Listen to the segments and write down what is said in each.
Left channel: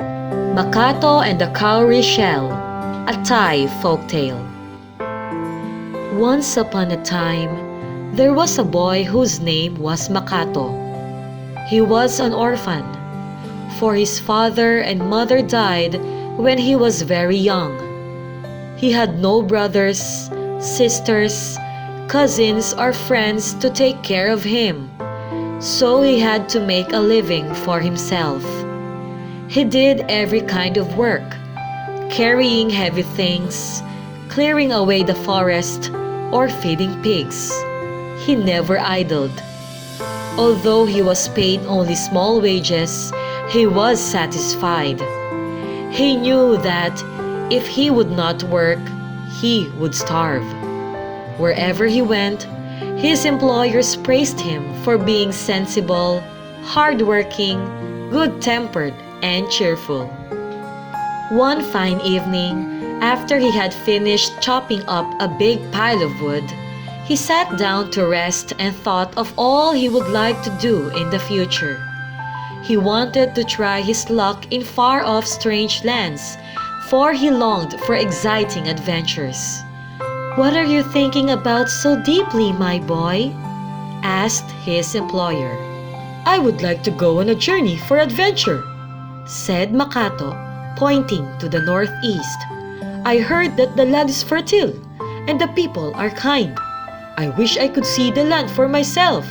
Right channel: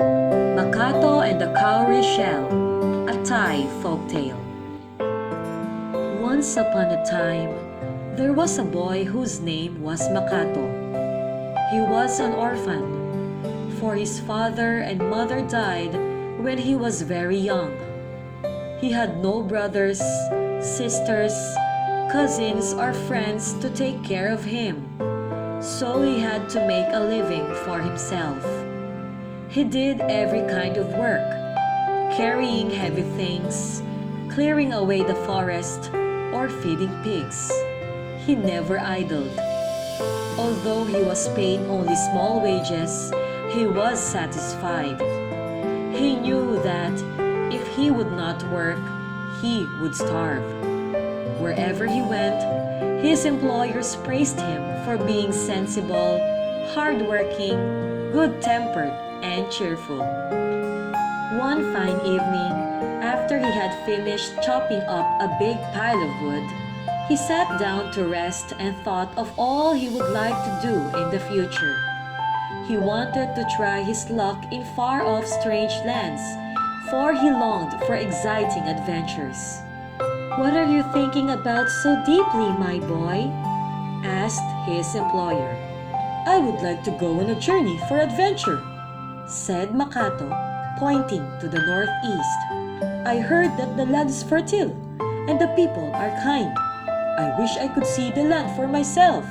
Makato and the Cowrie Shell, a Thai folktale. Once upon a time, there was a boy whose name was Makato. He was an orphan, for his father and mother died when he was very young. He had no brothers, sisters, cousins, or friends to take care of him, so he had to make a living for himself. He did every kind of work, carrying heavy things, clearing away the forest, or feeding pigs. He never idled. Although he was paid only small wages, he was satisfied. He knew that if he would not work, he would starve. Wherever he went, his employers praised him for being sensible, hardworking, good-tempered, and cheerful. One fine evening, after he had finished chopping up a big pile of wood, he sat down to rest and thought of all he would like to do in the future. He wanted to try his luck in far-off strange lands, for he longed for exciting adventures. "What are you thinking about so deeply, my boy?" asked his employer. "I would like to go on a journey for adventure," said Makato, pointing to the northeast. "I heard that the land is fertile and the people are kind. I wish I could see the land for myself."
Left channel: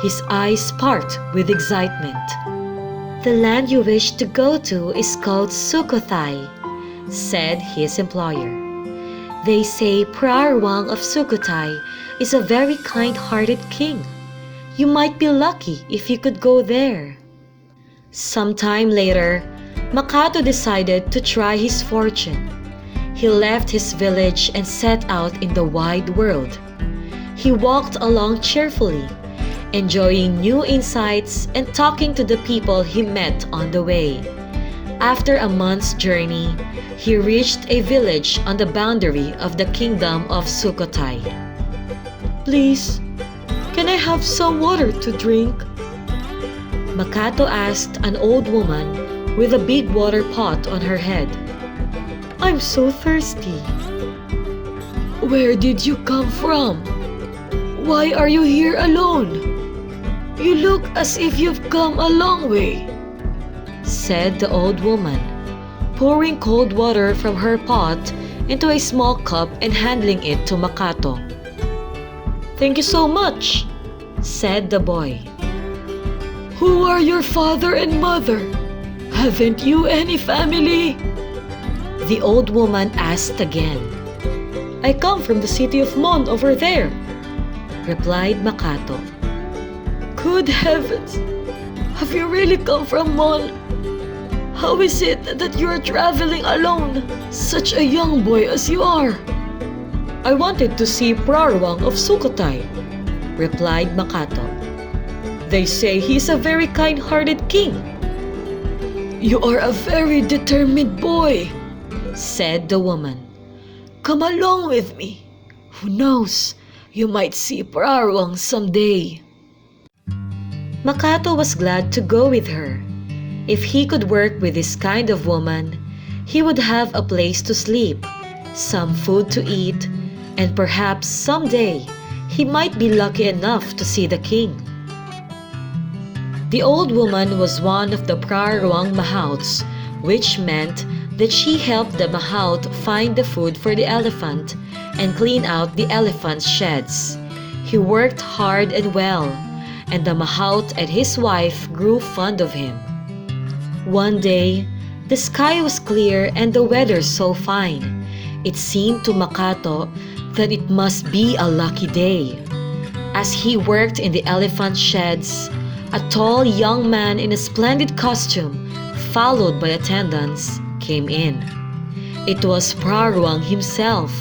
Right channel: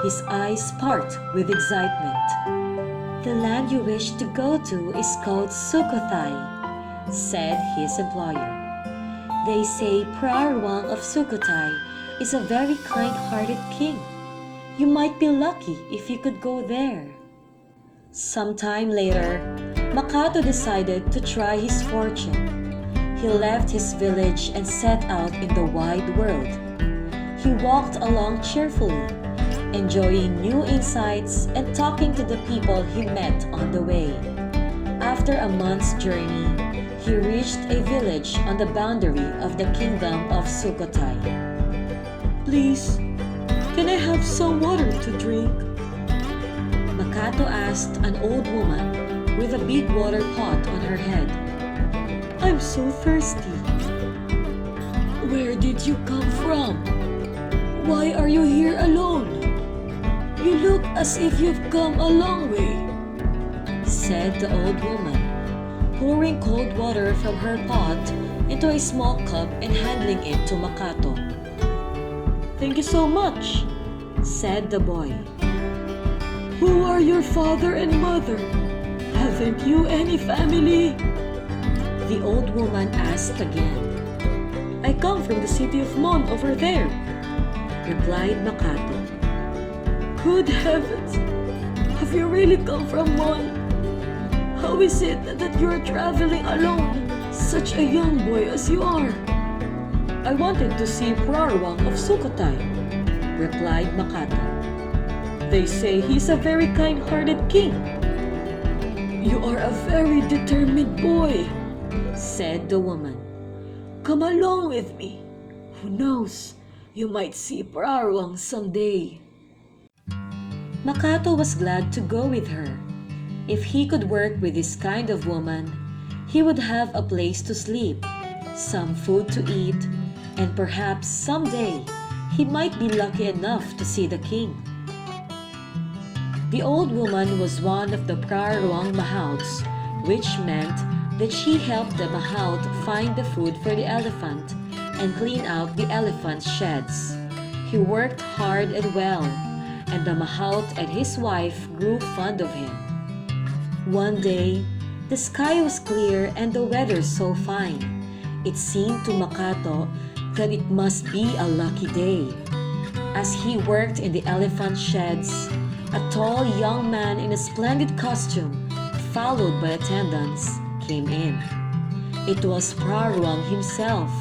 His eyes sparkled with excitement. "The land you wish to go to is called Sukhothai," said his employer. "They say Prarwang of Sukhothai is a very kind-hearted king. You might be lucky if you could go there." Sometime later, Makato decided to try his fortune. He left his village and set out in the wide world. He walked along cheerfully, enjoying new insights and talking to the people he met on the way. After a month's journey, he reached a village on the boundary of the kingdom of Sukhothai. "Please, can I have some water to drink?" Makato asked an old woman with a big water pot on her head. "I'm so thirsty." "Where did you come from? Why are you here alone? You look as if you've come a long way," said the old woman, pouring cold water from her pot into a small cup and handing it to Makato. "Thank you so much," said the boy. "Who are your father and mother? Haven't you any family?" the old woman asked again. "I come from the city of Mon over there," replied Makato. "Good heavens! Have you really come from Mon? How is it that you are traveling alone, such a young boy as you are?" "I wanted to see Prarwang of Sukhothai," replied Makato. "They say he's a very kind-hearted king." "You are a very determined boy," said the woman. "Come along with me. Who knows, you might see Prarwang someday." Makato was glad to go with her. If he could work with this kind of woman, he would have a place to sleep, some food to eat, and perhaps someday he might be lucky enough to see the king. The old woman was one of the Prarwang Mahouts, which meant that she helped the Mahout find the food for the elephant and clean out the elephant's sheds. He worked hard and well, and the Mahout and his wife grew fond of him. One day, the sky was clear and the weather so fine. It seemed to Makato that it must be a lucky day. As he worked in the elephant sheds, a tall young man in a splendid costume, followed by attendants, came in. It was Prarwang himself.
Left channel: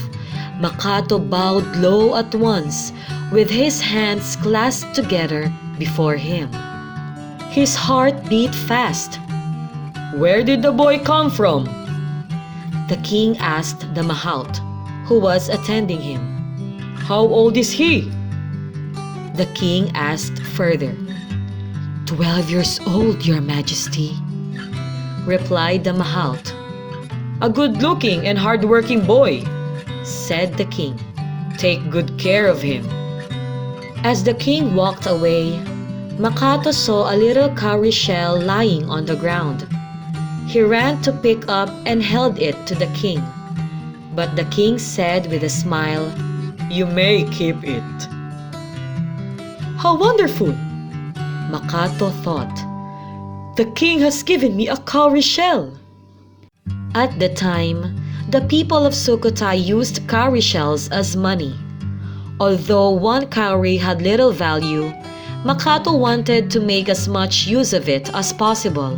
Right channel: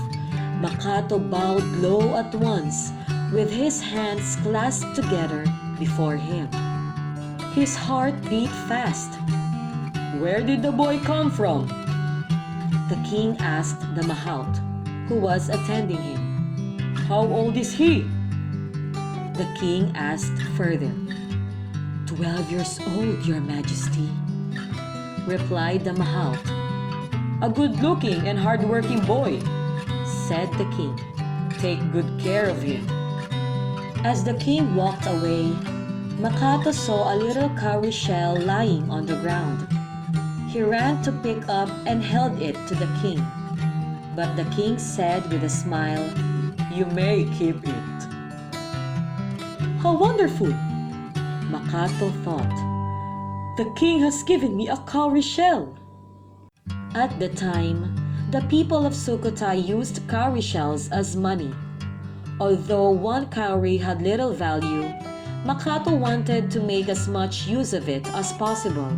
Makato bowed low at once, with his hands clasped together before him. His heart beat fast. "Where did the boy come from?" the king asked the Mahout, who was attending him. "How old is he?" the king asked further. 12 years old, your majesty," replied the Mahout. "A good-looking and hard-working boy," said the king. "Take good care of him." As the king walked away, Makato saw a little cowrie shell lying on the ground. He ran to pick up and held it to the king. But the king said with a smile, "You may keep it." "How wonderful!" Makato thought. "The king has given me a cowrie shell." At the time, the people of Sukhothai used cowrie shells as money. Although one cowrie had little value, Makato wanted to make as much use of it as possible,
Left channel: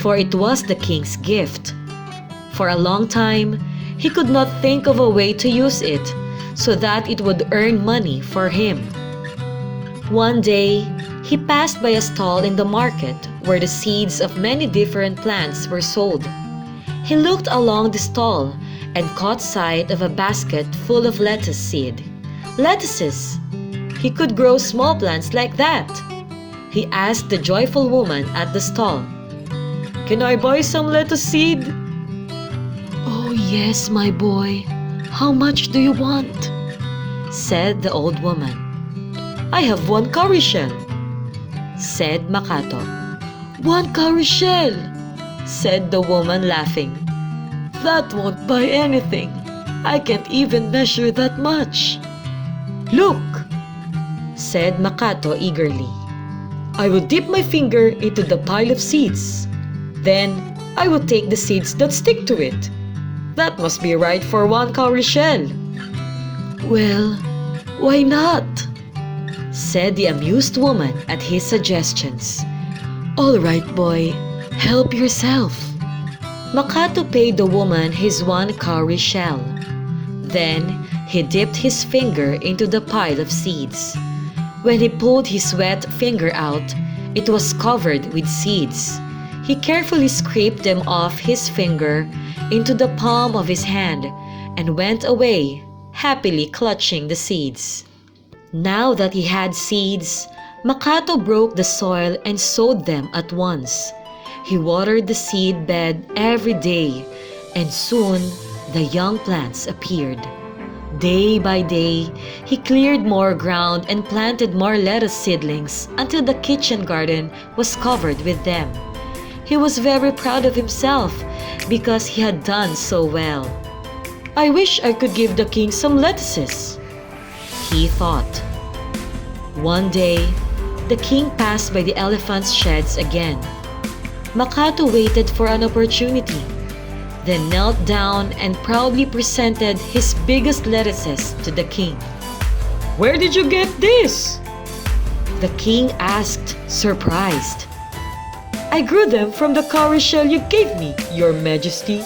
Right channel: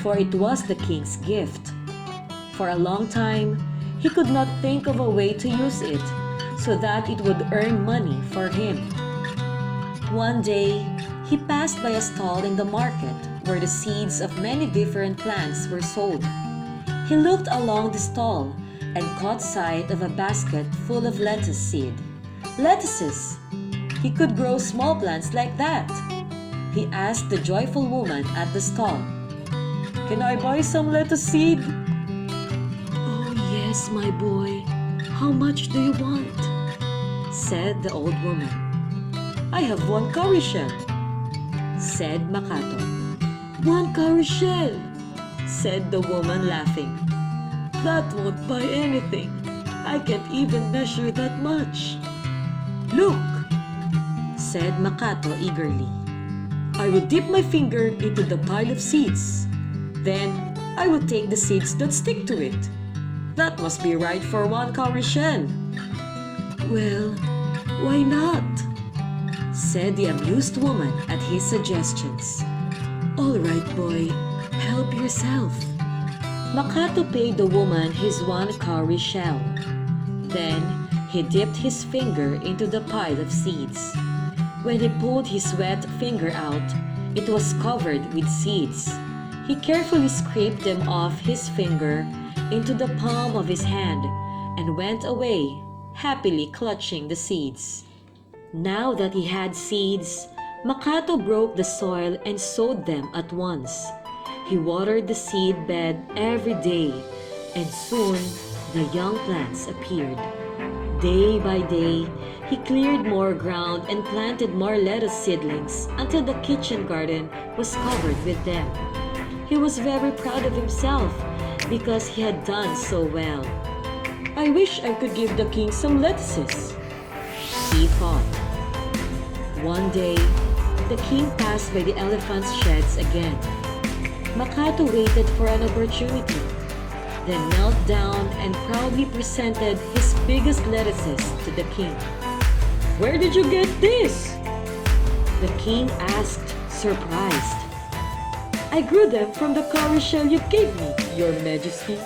for it was the king's gift. For a long time, he could not think of a way to use it so that it would earn money for him. One day, he passed by a stall in the market where the seeds of many different plants were sold. He looked along the stall and caught sight of a basket full of lettuce seed. Lettuces! He could grow small plants like that. He asked the joyful woman at the stall, "Can I buy some lettuce seed?" "Oh yes, my boy. How much do you want?" said the old woman. "I have one cowrie shell," said Makato. "One cowrie shell," said the woman, laughing. "That won't buy anything. I can't even measure that much." "Look," said Makato eagerly. "I will dip my finger into the pile of seeds. Then I will take the seeds that stick to it. That must be right for one cowrie shell." "Well, why not?" said the amused woman at his suggestions. "All right, boy. Help yourself." Makato paid the woman his one cowrie shell. Then he dipped his finger into the pile of seeds. When he pulled his wet finger out, it was covered with seeds. He carefully scraped them off his finger into the palm of his hand and went away, happily clutching the seeds. Now that he had seeds, Makato broke the soil and sowed them at once. He watered the seed bed every day, and soon the young plants appeared. Day by day, he cleared more ground and planted more lettuce seedlings until the kitchen garden was covered with them. He was very proud of himself because he had done so well. "I wish I could give the king some lettuces," he thought. One day, the king passed by the elephant's sheds again. Makato waited for an opportunity, then knelt down and proudly presented his biggest lettuces to the king. "Where did you get this?" The king asked, surprised. "I grew them from the cowrie shell you gave me, Your Majesty,"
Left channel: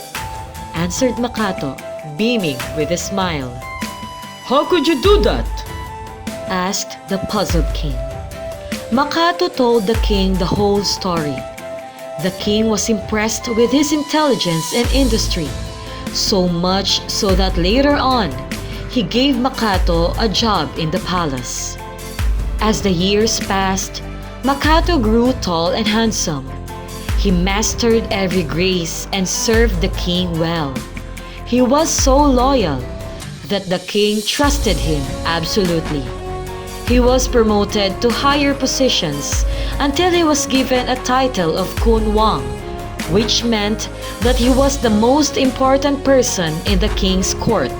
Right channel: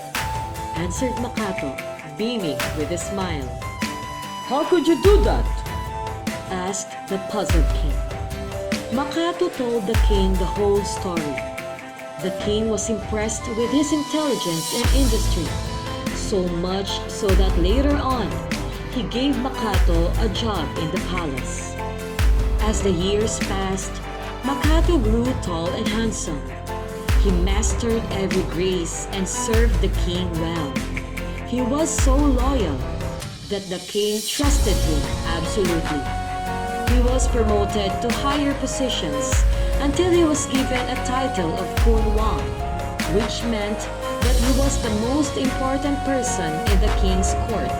answered Makato, beaming with a smile. "How could you do that?" asked the puzzled king. Makato told the king the whole story. The king was impressed with his intelligence and industry, so much so that later on, he gave Makato a job in the palace. As the years passed, Makato grew tall and handsome. He mastered every grace and served the king well. He was so loyal that the king trusted him absolutely. He was promoted to higher positions until he was given a title of Kun Wang, which meant that he was the most important person in the king's court.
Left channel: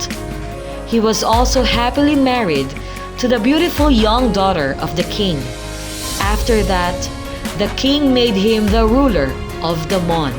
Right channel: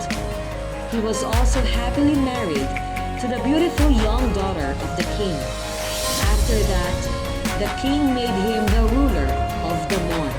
He was also happily married to the beautiful young daughter of the king. After that, the king made him the ruler of the Mon.